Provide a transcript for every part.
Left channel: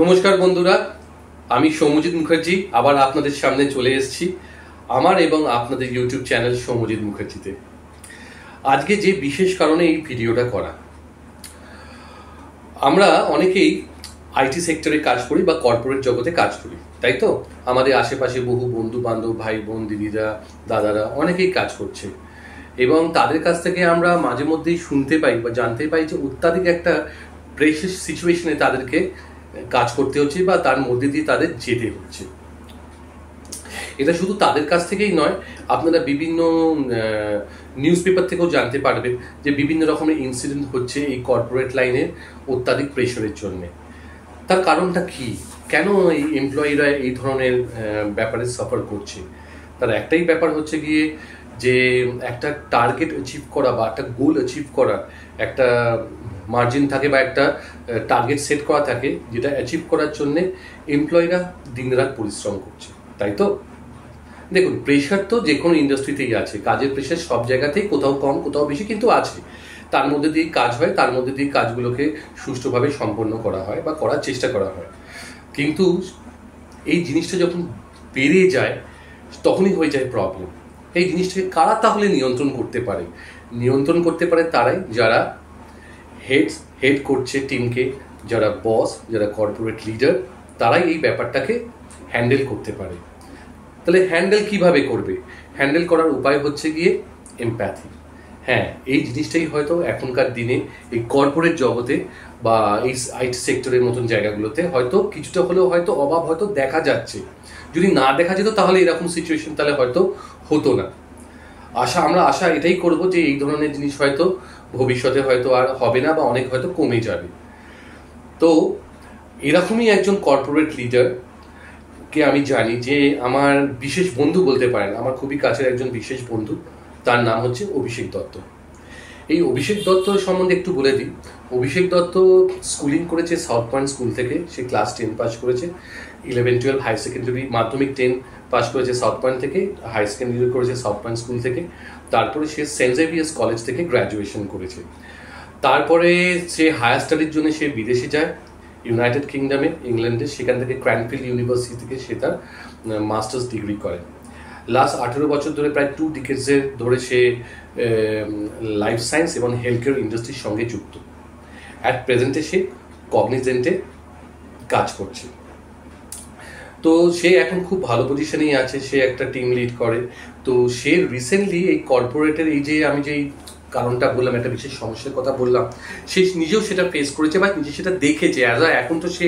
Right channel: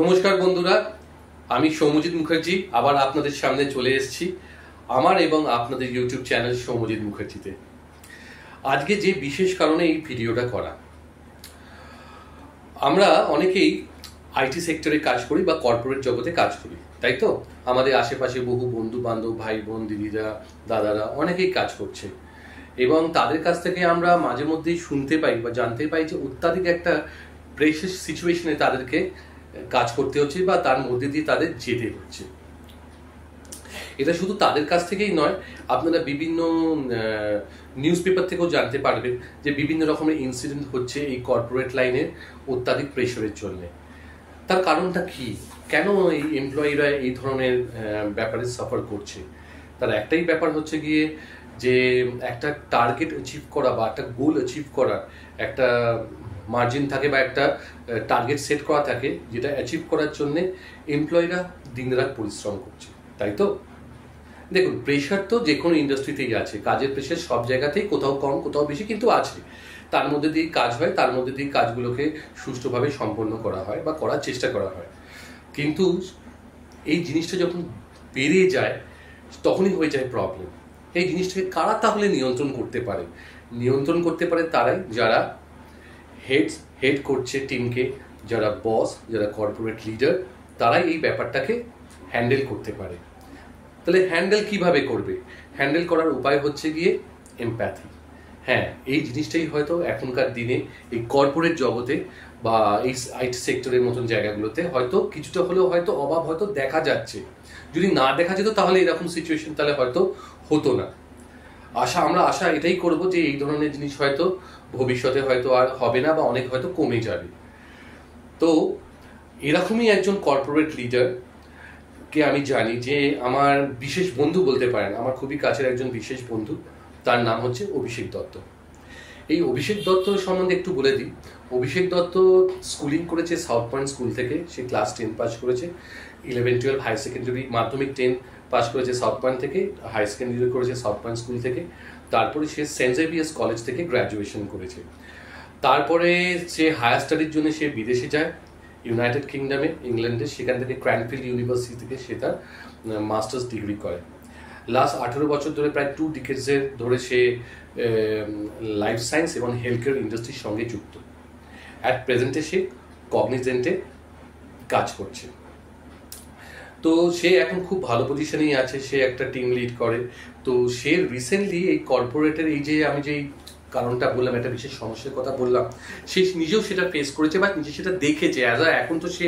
নমস্কার বন্ধুরা, আমি সৌম্যজিৎ মুখার্জি আবার আপনাদের সামনে চলে এসেছি আমার এবং আপনাদের ইউটিউব চ্যানেল সৌম্যজিৎ মুখার্জিতে। আজকে যে বিশেষ কারণে এই ভিডিওটা করা, আমরা অনেকেই আইটি সেক্টরে কাজ করি বা কর্পোরেট জগতে কাজ করি, তাই তো? আমাদের আশেপাশে বহু বন্ধু বান্ধব, ভাই বোন, দিদিরা, দাদারা অনেকেই কাজ করছে এবং তাদের কাছ থেকে আমরা মাঝে মধ্যেই শুনতে পাই বা জানতে পাই যে অত্যাধিক একটা প্রেশার সিচুয়েশনে তাদেরকে কাজ করতে হচ্ছে বা তার মধ্যে দিয়ে তাদের যেতে হচ্ছে। এটা শুধু তাদের কাছ থেকেই নয়, আপনারা বিভিন্ন নিউজ পেপার থেকেও জানতে পারবেন যে বিভিন্ন রকমের ইনসিডেন্ট হচ্ছে এই কর্পোরেট লাইনের অত্যাধিক প্রেশারের জন্য। তার কারণটা কি? কেন এই এমপ্লয়িরা এই ধরনের ব্যাপারে সাফার করছে? তার একটাই ব্যাপার হচ্ছে গিয়ে যে একটা টার্গেট অ্যাচিভ করা বা একটা গোল অ্যাচিভ করা, একটা মার্জিন থাকে বা একটা টার্গেট সেট করা থাকে, যেটা অ্যাচিভ করার জন্য এমপ্লয়িরা দিনরাত পরিশ্রম করছে, তাই তো? দেখুন, প্রেশার তো যে কোনো ইন্ডাস্ট্রিতেই আছে, কাজের প্রেশার সব জায়গাতেই কোথাও কম কোথাও বেশি কিন্তু আছে। তার মধ্যে দিয়ে কাজ হয়, তার মধ্যে দিয়ে কাজগুলোকে সুষ্ঠুভাবে সম্পন্ন করা হয় বা করার চেষ্টা করা হয়। কিন্তু এই জিনিসটা যখন বেড়ে যায় তখনই হয়ে যায় প্রবলেম। এই জিনিসটাকে কারা তাহলে নিয়ন্ত্রণ করতে পারে? নিয়ন্ত্রণ করতে পারে তারাই যারা হেড করছে টিমকে, যারা বস, যারা কর্পোরেট লিডার, তারাই এই ব্যাপারটাকে হ্যান্ডেল করতে পারে। তাহলে হ্যান্ডেল কিভাবে করবে? হ্যান্ডেল করার উপায় হচ্ছে গিয়ে এমপ্যাথি। হ্যাঁ, এই জিনিসটাই হয়তো এখনকার দিনে এই কর্পোরেট জগতে বা এই আইটি সেক্টরের মতন জায়গাগুলোতে হয়তো কিছুটা হলেও হয়তো অভাব হয়তো দেখা যাচ্ছে। যদি না দেখা যেত তাহলে এরকম সিচুয়েশন তাহলে হয়তো হতো না। আমরা আশা এটাই করব যে এই ধরনের জিনিস হয়তো ভবিষ্যতে হয়তো আর হবে না বা অনেক হয়তো কমে যাবে। তো এরকমই একজন কর্পোরেট লিডার কে আমি জানি, যে আমার বিশেষ বন্ধু বলতে পারেন, আমার খুবই কাছের একজন বিশেষ বন্ধু। তার নাম হচ্ছে অভিষেক দত্ত। এই অভিষেক দত্ত সম্বন্ধে একটু বলে দিই। অভিষেক দত্ত স্কুলিং করেছে সাউথ পয়েন্ট স্কুল থেকে, সে ক্লাস 10 পাস করেছে। 11-12 হাই সেকেন্ডারি, মাধ্যমিক 10 পাস করেছে সাউথ পয়েন্ট থেকে, হাই সেকেন্ডারি করেছে সাউথ পয়েন্ট স্কুল থেকে। তারপরে সে সেন্ট জেভিয়ার্স কলেজ থেকে গ্র্যাজুয়েশন করেছে। তারপরে সে হায়ার স্টাডির জন্য সে বিদেশে যায়, ইউনাইটেড কিংডমে, ইংল্যান্ডে। সেখান থেকে ক্র্যানফিল্ড ইউনিভার্সিটি থেকে সে তার মাস্টার্স ডিগ্রি করে। লাস্ট 18 বছর ধরে, প্রায় 2 ডিকেডসের ধরে সে লাইফ সায়েন্স এবং হেলথ কেয়ার ইন্ডাস্ট্রির সঙ্গে যুক্ত। অ্যাট প্রেজেন্টে সে কগনিজেন্টে কাজ করছে। তো সে এখন খুব ভালো পজিশনেই আছে, সে একটা টিম লিড করে। তো সে রিসেন্টলি এই কর্পোরেটের এই যে আমি যেই কারণটা বললাম, একটা বিশেষ সমস্যার কথা বললাম, সে নিজেও সেটা ফেস করেছে বা নিজে সেটা দেখেছে। এখন তো সে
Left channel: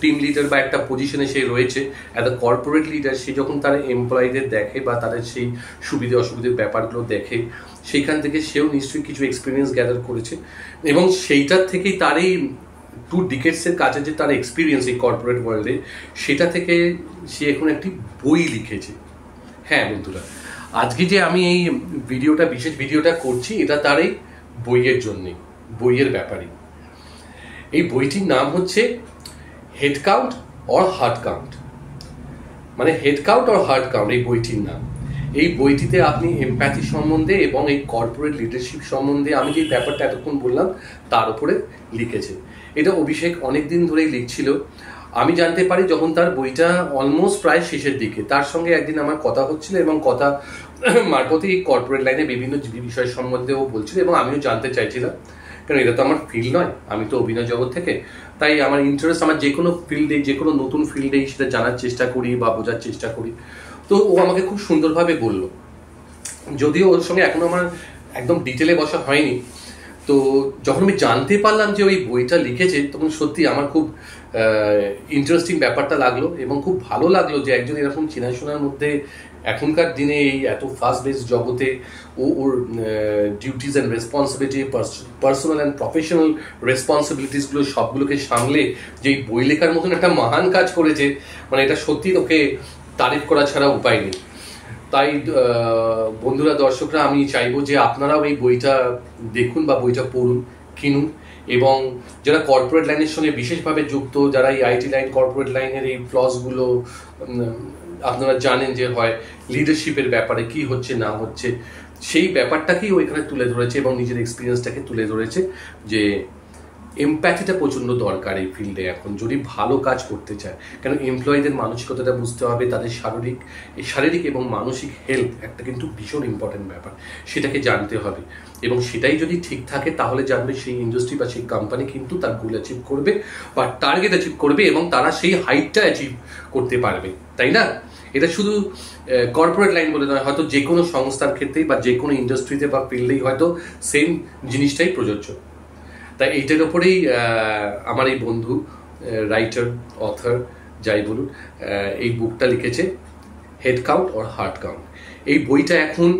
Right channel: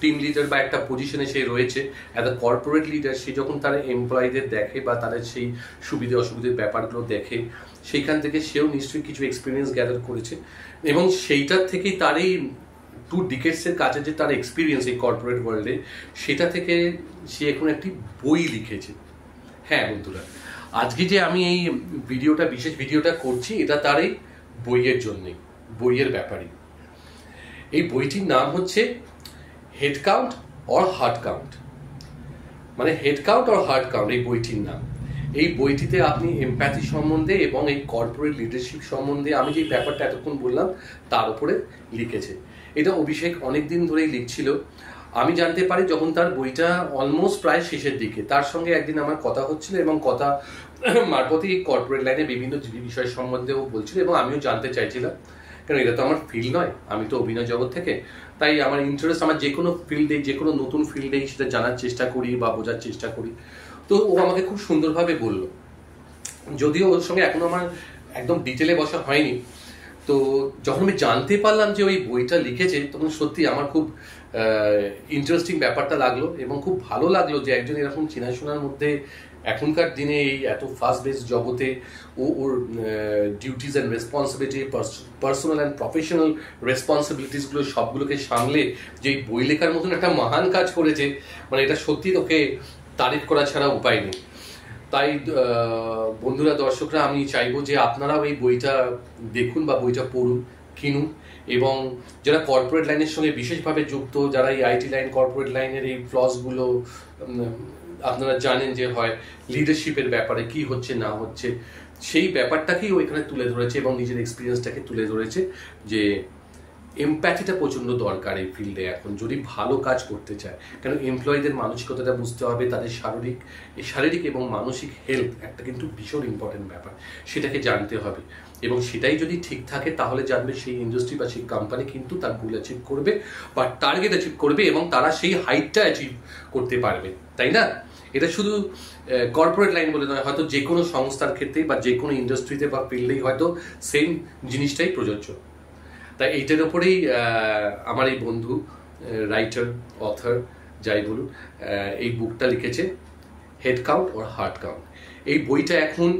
টিম লিডার বা একটা পজিশনে সে রয়েছে। অ্যাজ আ কর্পোরেট লিডার সে যখন তার এমপ্লয়ীদের দেখে বা তাদের সেই সুবিধে অসুবিধের ব্যাপারগুলো দেখে, সেইখান থেকে সেও নিশ্চয়ই কিছু এক্সপিরিয়েন্স গ্যাদার করেছে এবং সেইটার থেকেই তার এই 2 ডিকেডসের কাছে যে তার এক্সপিরিয়েন্স এই কর্পোরেট ওয়ার্ল্ডে, সেটা থেকে সে এখন একটি বই লিখেছে। হ্যাঁ বন্ধুরা, আজকে যে আমি এই বিশেষ ভিডিওটা করছি, এটা তার এই বইয়ের জন্যে, বইয়ের ব্যাপারে। এই বইটির নাম হচ্ছে head count or heart count, মানে head count or heart count এই বইটির নাম। এই বইটিতে আপনি এমপ্যাথি সম্বন্ধে এবং এই কর্পোরেট লিডারশিপ সম্বন্ধে আমি যে ব্যাপারটা এতক্ষণ বললাম তার উপরে লিখেছে। এটা অভিষেক অনেকদিন ধরেই লিখছিল। আমি জানতে পারি যখন তার বইটা অলমোস্ট প্রায় শেষের দিকে। তার সঙ্গে একদিন আমার কথা হচ্ছিল এবং কথা মারফতে এই কর্পোরেট লাইনে বিভিন্ন বিষয় সম্বন্ধেও বলছিল এবং আমিও জানতে চাইছিলাম, কারণ এটা তো আমার ফিল্ড নয়, আমি তো অভিনয় জগৎ থেকে। তাই আমার ইন্টারেস্ট, আমার যে কোনো ফিল্ডে, যে কোনো নতুন ফিল্ডেই সেটা জানার চেষ্টা করি বা বোঝার চেষ্টা করি। তো ও আমাকে খুব সুন্দরভাবে বলল, যদিও ওর সঙ্গে এখনো আমার একদম ডিটেলে বসা হয়নি। তো যখন আমি জানতে পারলাম যে ওই বইটা লিখেছে, তখন সত্যি আমার খুব ইন্টারেস্টিং ব্যাপারটা লাগলো এবং খুব ভালো লাগলো যে একজন এরকম চেনাশোনার মধ্যে এখনকার দিনে এই এত ফাস্ট বেস জগতে ওর duties and responsibility, personal and professional রেসপন্সিবিলিটিসগুলো সবগুলোকে সামলে যে বই লেখার মতন একটা মহান কাজ করেছে, মানে এটা সত্যি ওকে তারিফ করা ছাড়া উপায় নেই। তাই বন্ধুরা, দর্শকরা, আমি চাইবো যে আপনারাও এই বইটা দেখুন বা বইটা পড়ুন, কিনুন। এবং যারা কর্পোরেট লাইনের সঙ্গে বিশেষভাবে যুক্ত, যারা এই আইটি লাইন, কর্পোরেট লাইনের এই ফ্লসগুলো আপনারা জানেন যে হয় লিডারশিপের ব্যাপারে কি হচ্ছে না হচ্ছে, সেই ব্যাপারটাকেই ও এখানে তুলে ধরেছে এবং নিজের এক্সপিরিয়েন্সটাকে তুলে ধরেছে যে এমপ্যাথিটা প্রচণ্ড দরকার এই ফিল্ডে এখন, যদি ভালো কাজ করতে চায়। কেন এমপ্লয়ীদের মানসিকতাটা বুঝতে হবে, তাদের শারীরিক এবং মানসিক হেলথ একটা কিন্তু ভীষণ ইম্পর্টেন্ট ব্যাপার, সেটাকে জানতে হবে। এবং সেটাই যদি ঠিক থাকে তাহলে জানবে সেই ইন্ডাস্ট্রি বা সেই কোম্পানি কিন্তু তার গোল অ্যাচিভ করবে বা টার্গেট অ্যাচিভ করবে এবং তারা সেই হাইটটা অ্যাচিভ করতে পারবে, তাই না? এটা শুধু কর্পোরেট লাইন বলে নয়, হয়তো যে কোনো সংস্থার ক্ষেত্রেই বা যে কোনো ইন্ডাস্ট্রিতে বা ফিল্ডেই হয়তো সেম জিনিসটাই প্রযোজ্য। তাই এইটার ওপরেই আমার এই বন্ধু রাইটার, অথর যাই বলুন, এই বুকটা লিখেছে, head count or heart count. এই বইটা এখন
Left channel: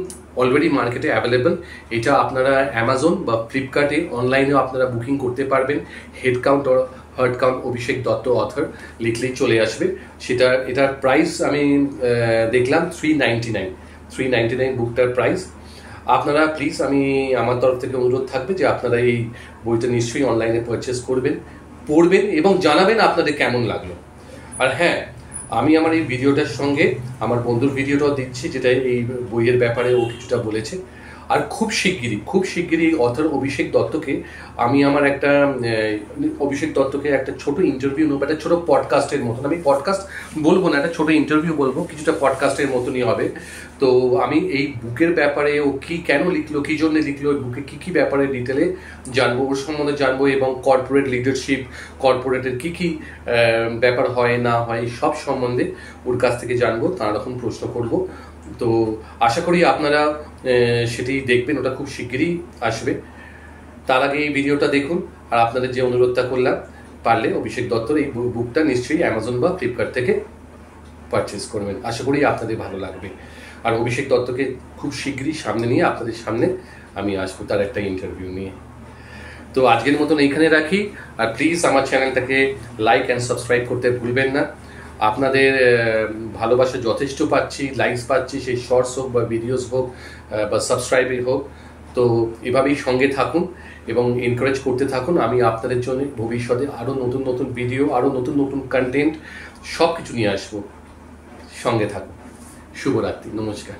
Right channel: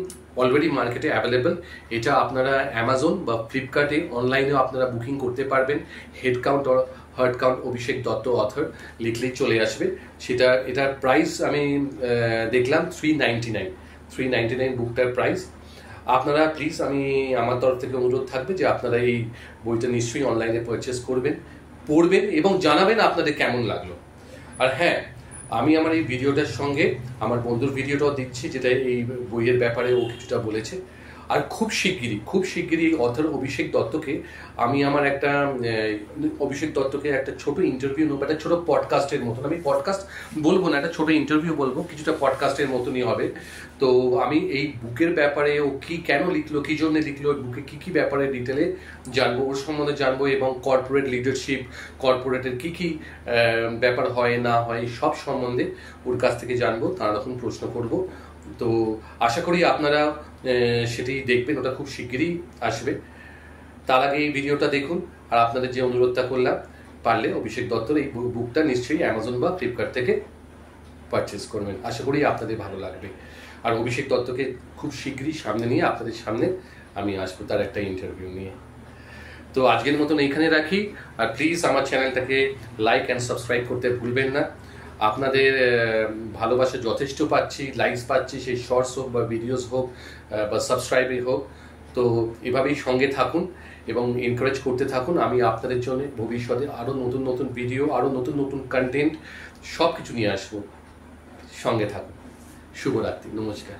অলরেডি মার্কেটে অ্যাভেলেবল। এটা আপনারা অ্যামাজন বা ফ্লিপকার্টে অনলাইনেও আপনারা বুকিং করতে পারবেন। Head count or heart count, Abhishek Dutta author লিখলেই চলে আসবে। এটার প্রাইস আমি দেখলাম 399 বুকটার প্রাইস। আপনারা প্লিজ, আমার তরফ থেকে অনুরোধ থাকবে যে আপনারা এই বইটা নিশ্চয়ই অনলাইনে পারচেস করবেন, পড়বেন এবং জানাবেন আপনাদের কেমন লাগলো। আর হ্যাঁ, আমি আমার এই ভিডিওটার সঙ্গে আমার বন্ধুর ভিডিওটাও দিচ্ছি, যেটা এই বইয়ের ব্যাপারে ও কিছুটা বলেছে। আর খুব শিগগিরই অথর অভিষেক দত্তকে আমি অভিষেক দত্তকে একটা ছোট ইন্টারভিউ নেবো, একটা ছোট পডকাস্টের মতন। আমি পডকাস্ট বলবো না, একটা ছোট ইন্টারভিউ বলবো, কিছুটা পডকাস্টের মতনই হবে। তো আমি এই বুকের ব্যাপারে ও কেন লিখলো, কি জন্য লিখলো, ওই বুকে কি ব্যাপারে ডিটেলে জানবো, ওর সম্বন্ধে জানবো এবং কর্পোরেট লিডারশিপ, কর্পোরেটের কি ব্যাপার হয় না হয় সব সম্বন্ধে ওর কাছ থেকে জানবো, তার রকম প্রশ্ন করব। তো আশা করি আপনারা সেটি দেখবেন, ওটা খুব শিগগিরই আসবে। তার আগে এই ভিডিওটা দেখুন, আর আপনাদের যে অনুরোধটা করলাম, পারলে অভিষেক দত্তর এই বুকটা নিশ্চয়ই অ্যামাজন বা ফ্লিপকার্ট থেকে পারচেস করবেন। আশা করি আপনাদের ভালো লাগবে। আর অভিষেক দত্তকে খুব শিগগিরই সামনে নিয়ে আপনাদের সামনে আমি আসবো তার একটা ইন্টারভিউ নিয়ে। তো আজকের মতন এইখানে রাখি। আর প্লিজ আমার চ্যানেলটাকে লাইক অ্যান্ড সাবস্ক্রাইব করতে ভুলবেন না। আপনাদের ভালোবাসা যথেষ্ট পাচ্ছি, লাইকস পাচ্ছি, সেই শর্টস হোক বা ভিডিওস হোক বা সাবস্ক্রাইবই হোক। তো এভাবেই সঙ্গে থাকুন এবং এনকারেজ করতে থাকুন। আমি আপনাদের জন্য ভবিষ্যতে আরও নতুন ভিডিও, আরও নতুন কন্টেন্ট সব কিছু নিয়ে আসবো। সঙ্গে থাকুন। শুভরাত্রি, নমস্কার।